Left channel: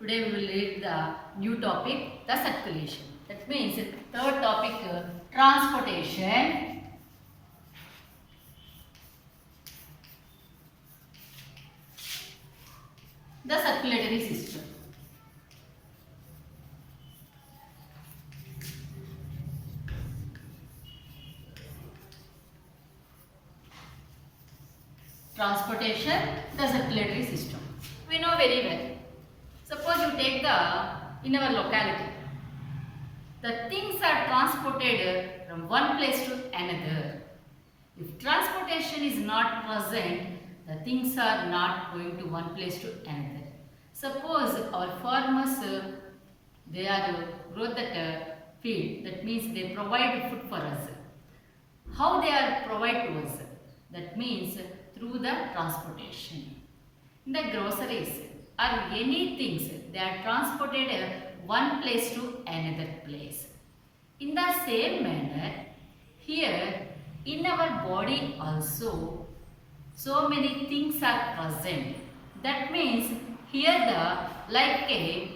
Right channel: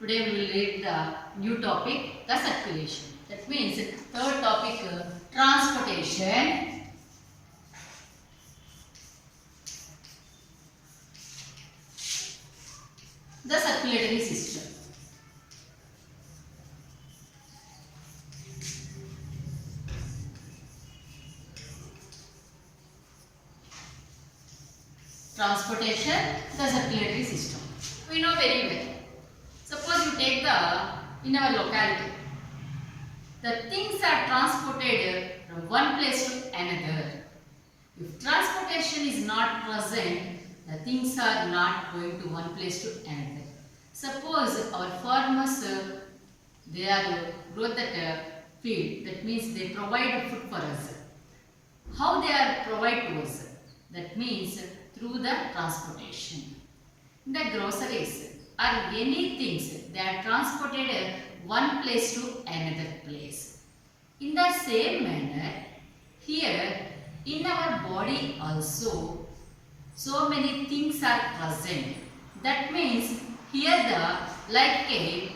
Today we will read the new topic, the circulation. That means third topic, transportation. The circulatory system. Transportation, the circulatory system. We know very well. Suppose you take in our locality, the things are transported from one place to another. If transportation is not present, the things are not going to one place to another. Suppose our farmers, they are grow that field, that means they provide food for us. How they are provide to us? That means through the transportation. In the groceries or any things, they are transported one place to another place. In the same manner, here in our body also, so many things are present. That means here the like a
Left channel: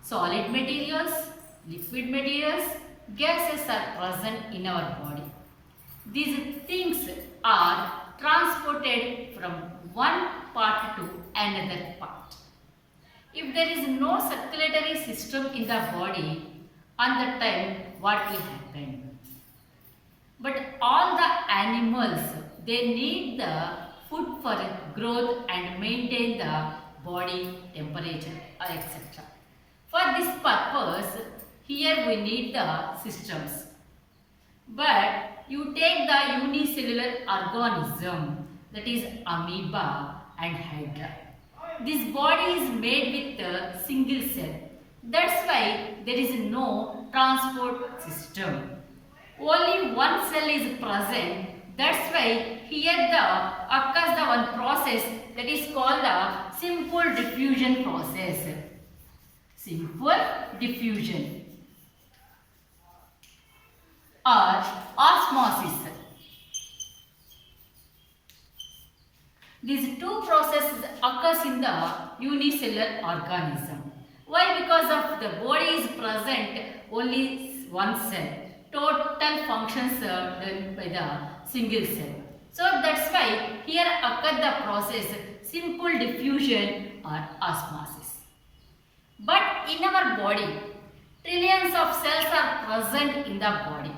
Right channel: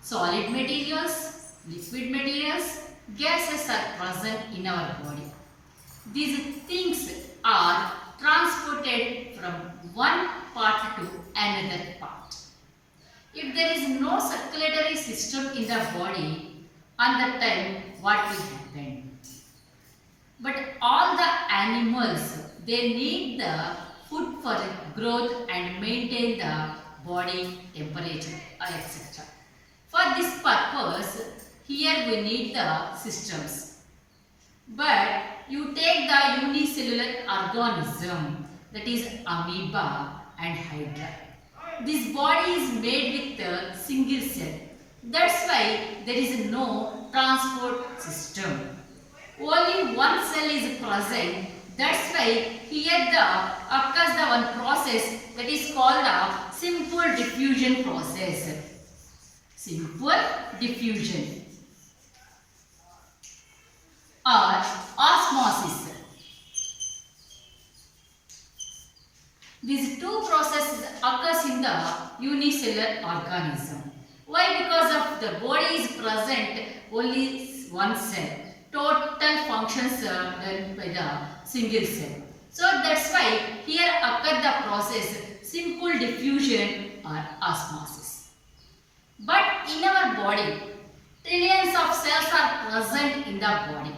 solid materials, liquid materials, gases are present in our body. These things are transported from one part to another part. If there is no circulatory system in the body, on that time what will happen? But all the animals, they need the food for growth and maintain the body temperature, etc. For this purpose, here we need the systems. But you take the unicellular organism, that is amoeba and hydra. This body is made with a single cell. That's why there is no transport system. Only one cell is present. That's why here occurs the one process that is called the simple diffusion process. Simple diffusion or osmosis. These two processes occurs in the unicellular organism. Why? Because of the body is present only one cell. Total functions are done by the single cell. So that's why here occur the process simple diffusion or osmosis. But in our body, trillions of cells are present in the body.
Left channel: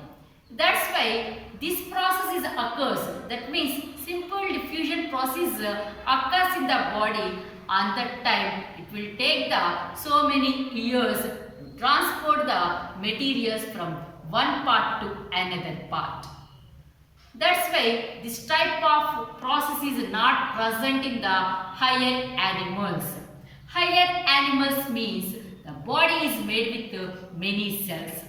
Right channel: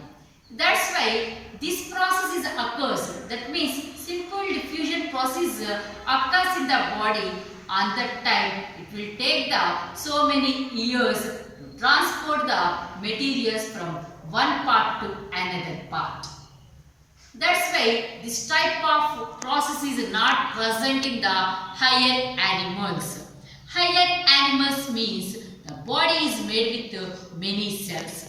That's why this process occurs. That means simple diffusion process occurs in the body. On that time, it will take so many years to transport the materials from one part to another part. That's why this type of process is not present in the higher animals. Higher animals means the body is made with many cells.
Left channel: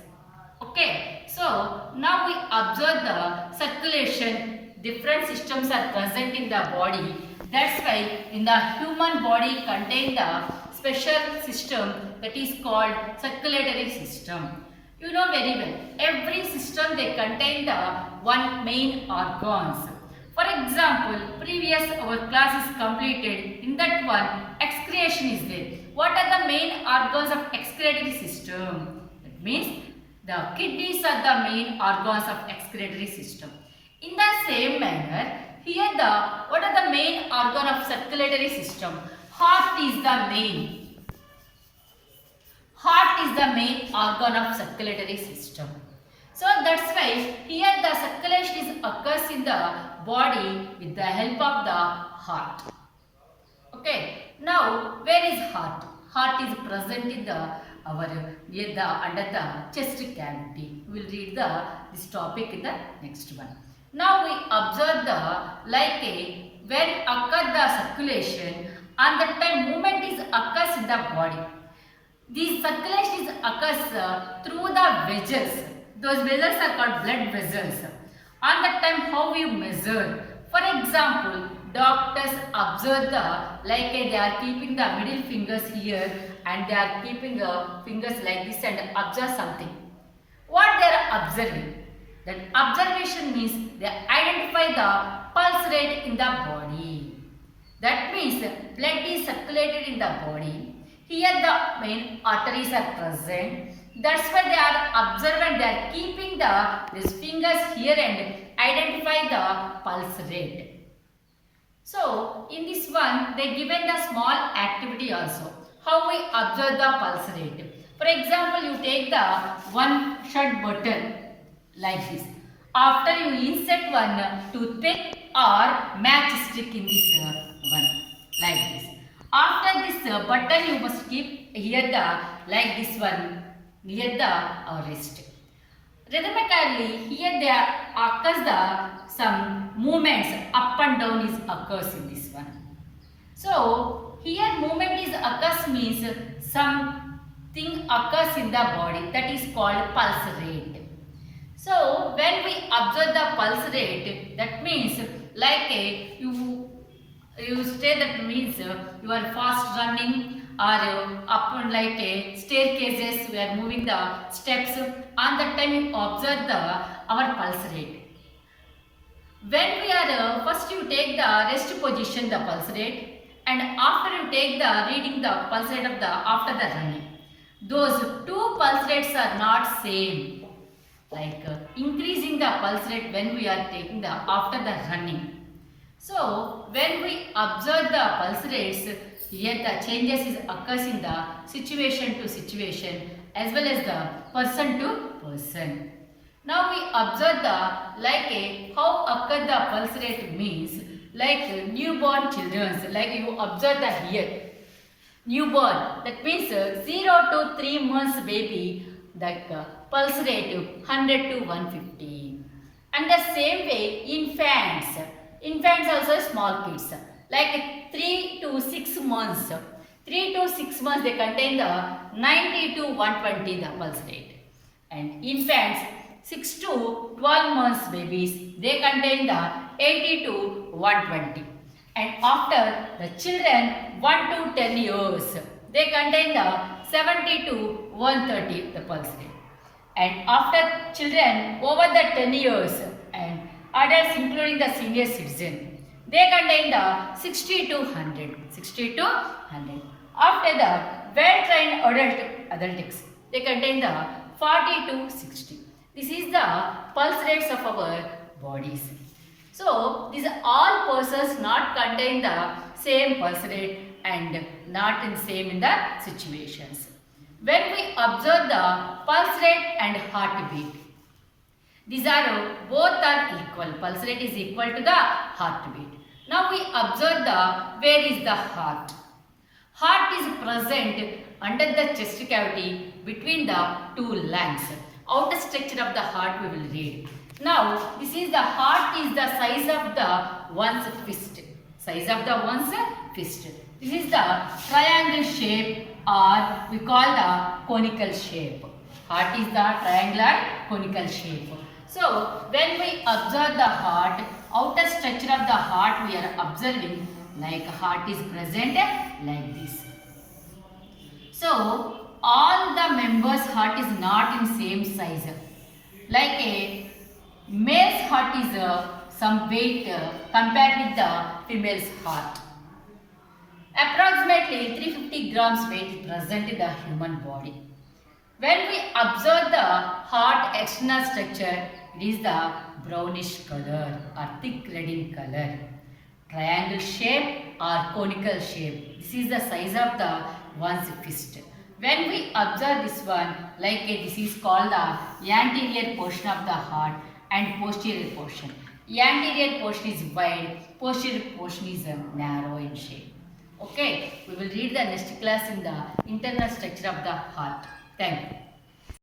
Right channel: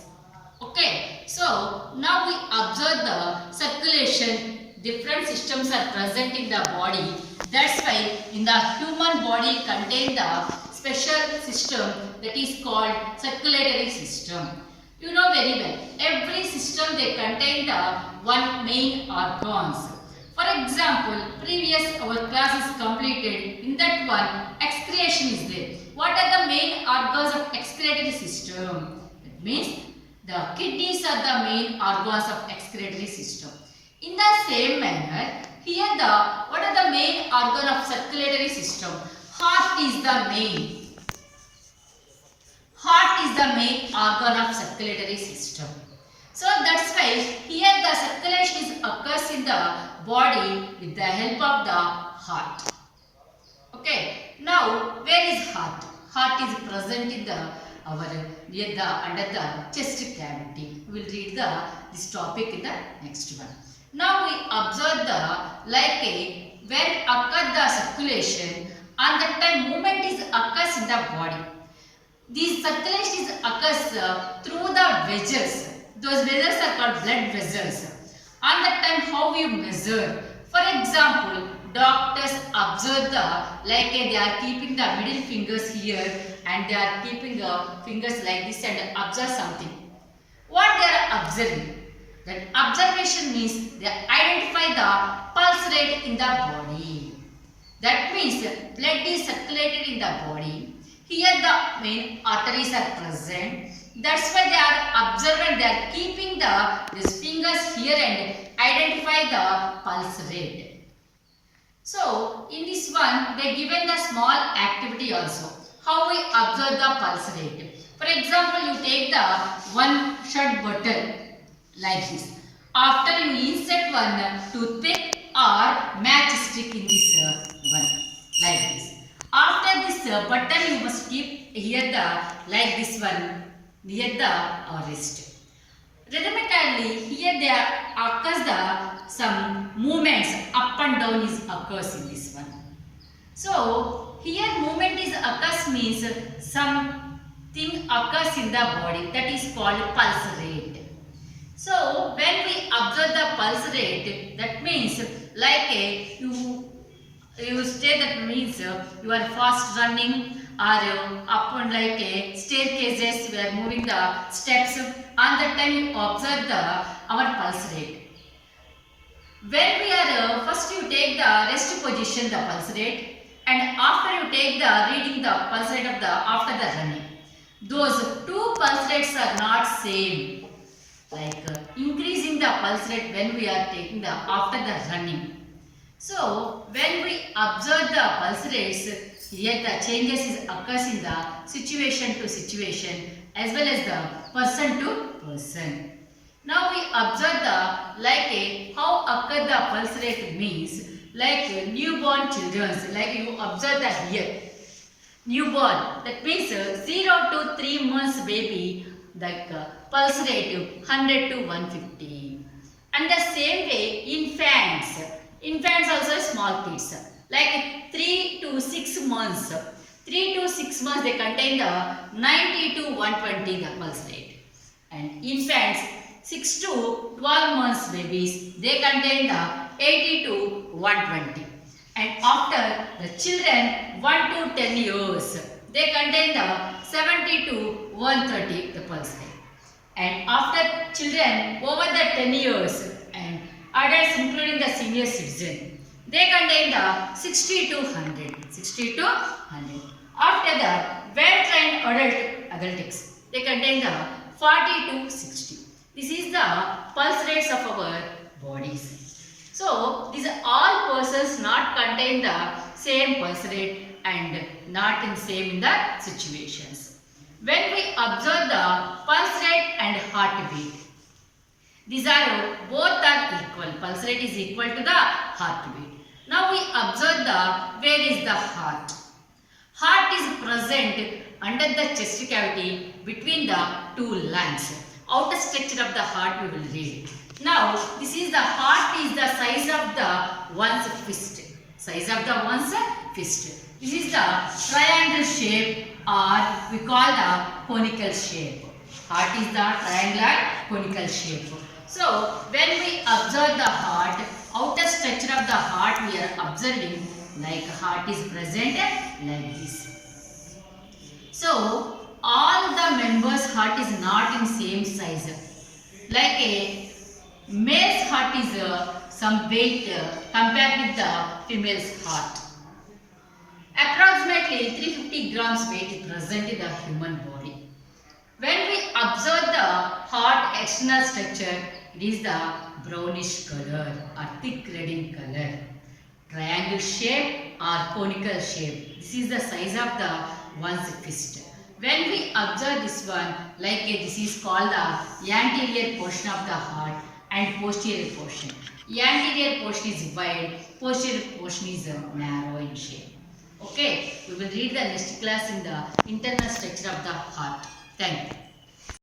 Okay, so now we observe the circulation. Different systems are present in the body. That's why in the human body contain the special system that is called circulatory system. You know very well, every system they contain the one main organs. For example, previous our class is completed. In that one, excretion is there. What are the main organs of excretory system? That means the kidneys are the main organs of excretory system. In the same manner, here what are the main organ of circulatory system? Heart is the main. Heart is the main organ of circulatory system. So that's why here the circulation occurs in the body with the help of the heart. Okay. Now where is heart? Heart is present in under the chest cavity. We will read this topic in the next one. Now we observe when occur the circulation, and that time movement occurs in the body. These circulation occurs through the vessels. Those vessels are called blood vessels. On that time, how we measure? For example, doctors observe they are keeping the middle fingers here and they are keeping fingers like this and observe something. What they are observing? That observation means they identify the pulse rate in the body. That means blood is circulated in the body. Here the main arteries are present. That's why they are observant. They are keeping these fingers here and identify the pulse rate. So in this one, they given the small activity also. How we observe the pulse rate. For example, you take the one shirt button like this. After you insert one toothpick or matchstick in this one like this. After this button, you must keep here the like this one near the wrist. Rhythmically, here there occurs some movements up and down is occurs in this one. So here movement is occurs means something occurs in the body, that is called pulse rate. So when we observe the pulse rate, that means like you say that means you are fast running or up and like a staircases, we are moving the steps. On that time you observe our pulse rate. When we are first you take the rest position, the pulse rate, and after you take the reading the pulse rate of the after the running. Those two pulse rates are not same. Like increasing the pulse rate when we are taking the after the running. So when we observe the pulse rates, here the changes is occurs in the situation to situation as well as the person to person. Now we observe the like how occur the pulse rate means like newborn children, like you observe the here newborn, that means 0 to 3 months baby, like pulse rate 100 to 150. And the same way infants also small kids, like 3 to 6 months. 3 to 6 months they contain the 90 to 120 the pulse rate. And infants 6 to 12 months babies, they contain the 80 to 120. And after the children 1 to 10 years, they contain the 70 to 130 the pulse rate. And after children over the 10 years and adults including the senior citizen, they contain the 60 to 100. 60 to 100. After the well-trained adults, they contain the 40 to 60. This is the pulse rates of our bodies. So these are all persons not contain the same pulse rate and not in same in the situations. When we observe the pulse rate and heartbeat, these are both are equal. Pulse rate is equal to the heartbeat. Now we observe where is the heart. Heart is present under the chest cavity between the two lungs. Outer structure of the heart we will read. Now this is the heart is the size of the one's fist. Size of the one's fist. This is the triangle shape or we call the conical shape. Heart is the triangular conical shape. So when we observe the heart, outer structure of the heart we are observing like heart is present like this. So all the members' heart is not in same size. Like a male's heart is some weight compared with the female's heart. Approximately 350 grams weight is present in the human body. When we observe the heart external structure, it is the brownish color or thick red in color. Triangle shape or conical shape. This is the size of the one's fist. When we observe this one, like this is called the anterior portion of the heart and posterior portion. Anterior portion is wide, posterior portion is narrow in shape. Okay, we will read the next class in the internal structure of the heart. Thank you.